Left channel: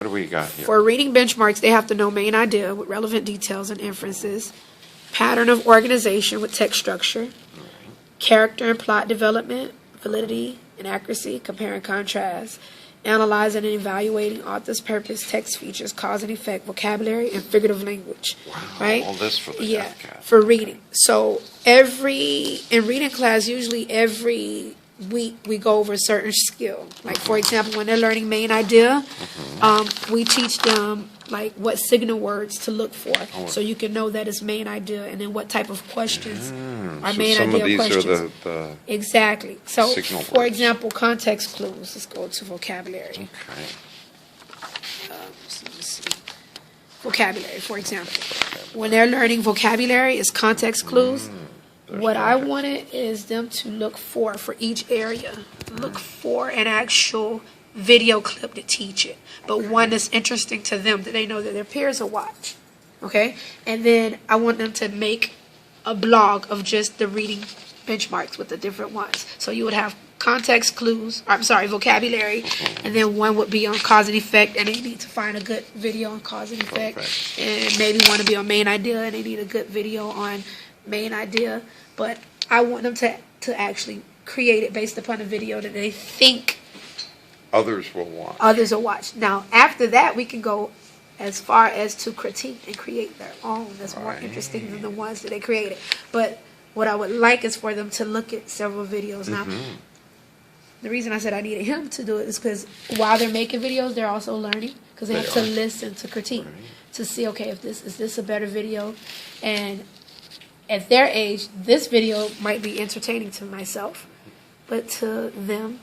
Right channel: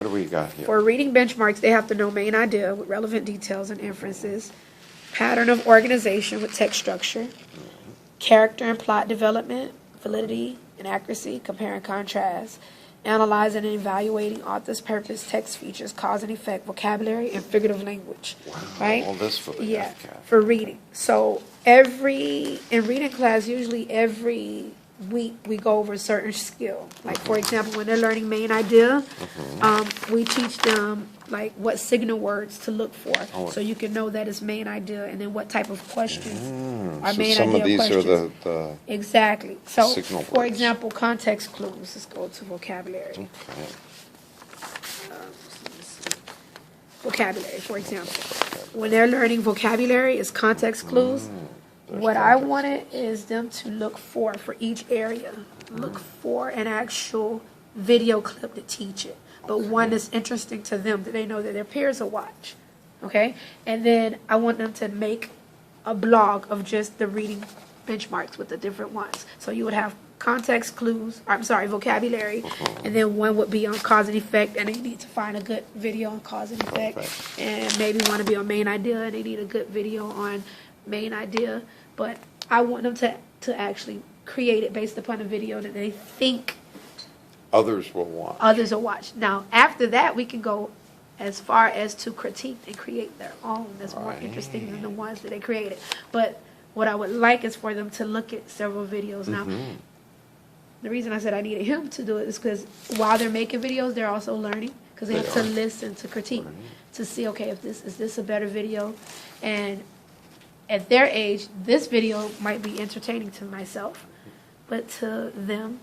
What do we got here? For reading benchmarks, they have to know main idea with relevant details and inferences, pattern of organization with text structure, character and plot development, validity and accuracy, compare and contrast, analyzing and evaluating author's purpose, text features, cause and effect, vocabulary, and figurative language. Wow, right? all this for the FCAT. For reading. So in reading class, usually every week we go over a certain skill. Like, for example, when they're learning main idea, we teach them like what signal words to look for, so you can know that it's main idea, and then what type of questions are So main some idea of these questions. are the Exactly. So, signal for words. example, context clues. Let's go to vocabulary. Okay. Let's see. Vocabulary, for example. When they're learning vocabulary, it's context clues. What I context. wanted is them to look for each area. Look for an actual video clip to teach it, but one that's interesting to them, that they know that their peers will watch. Okay? And then I want them to make a blog of just the reading benchmarks with the different ones. So you would have context clues, vocabulary, and then one would be on cause and effect, and they need to find a good video on cause and effect, and maybe want to be on main idea, and they need a good video on main idea. But I want them to actually create it based upon a video that they think Others will watch. Now, after that, we can go as far as to critique and create their own that's more interesting than the ones that they created. But what I would like is for them to look at several videos. Now, the reason I said I needed him to do it is because while they're making videos, they're also learning, because they have to listen to critique to see, okay, if is this a better video? And at their age, this video might be entertaining to myself, but to them,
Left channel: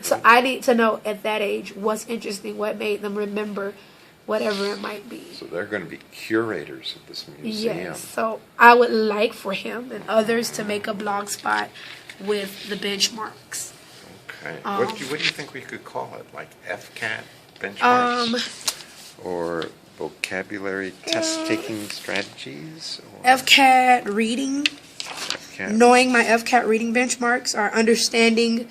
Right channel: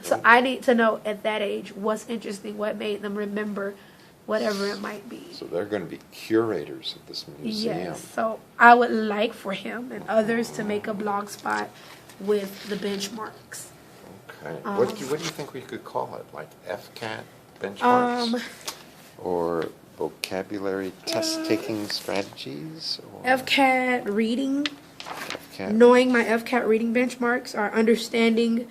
so I need to know at that age what's interesting, what made them remember whatever it might be. So they're going to be curators of this museum. Yes, so I would like for him and others to make a blog spot with the benchmarks. Okay. What do you think we could call it? Like FCAT benchmarks? Or vocabulary test-taking strategies? Or FCAT reading. FCAT. Knowing my FCAT reading benchmarks, or understanding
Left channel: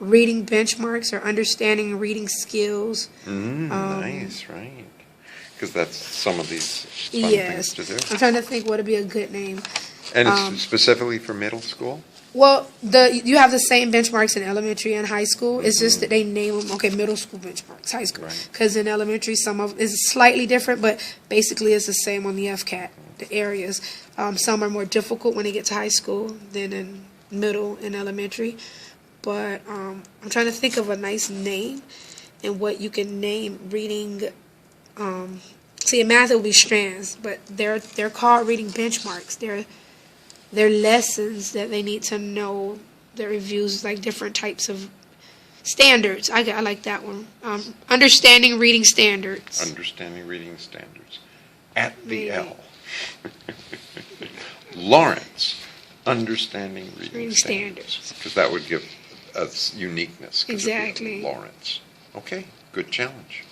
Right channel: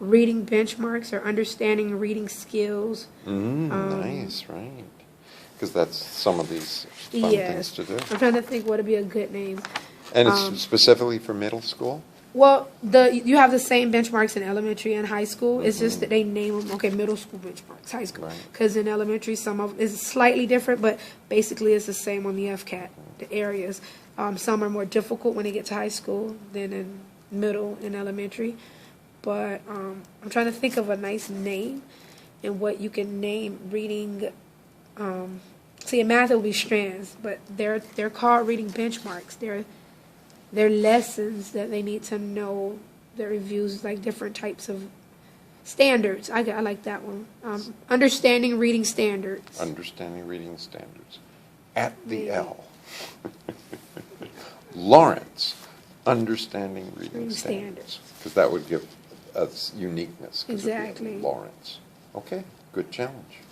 reading benchmarks, or understanding reading skills. Nice, right? Because that's some of these fun things to do. I'm trying to think what would be a good name. And it's specifically for middle school? Well, you have the same benchmarks in elementary and high school. It's just that they name them, middle school benchmarks, high school. Because in elementary, some of it's slightly different, but basically it's the same on the FCAT, the areas. Some are more difficult when they get to high school than in middle and elementary. But I'm trying to think of a nice name and what you can name reading. See, in math it would be strands, but they're called reading benchmarks. They're lessons that they need to know. Their reviews, like different types of standards. I like that one. Understanding reading standards. Understanding reading standards. At the L. Lawrence. Understanding reading standards. Because that would give us uniqueness. Exactly. Lawrence. Okay, good challenge.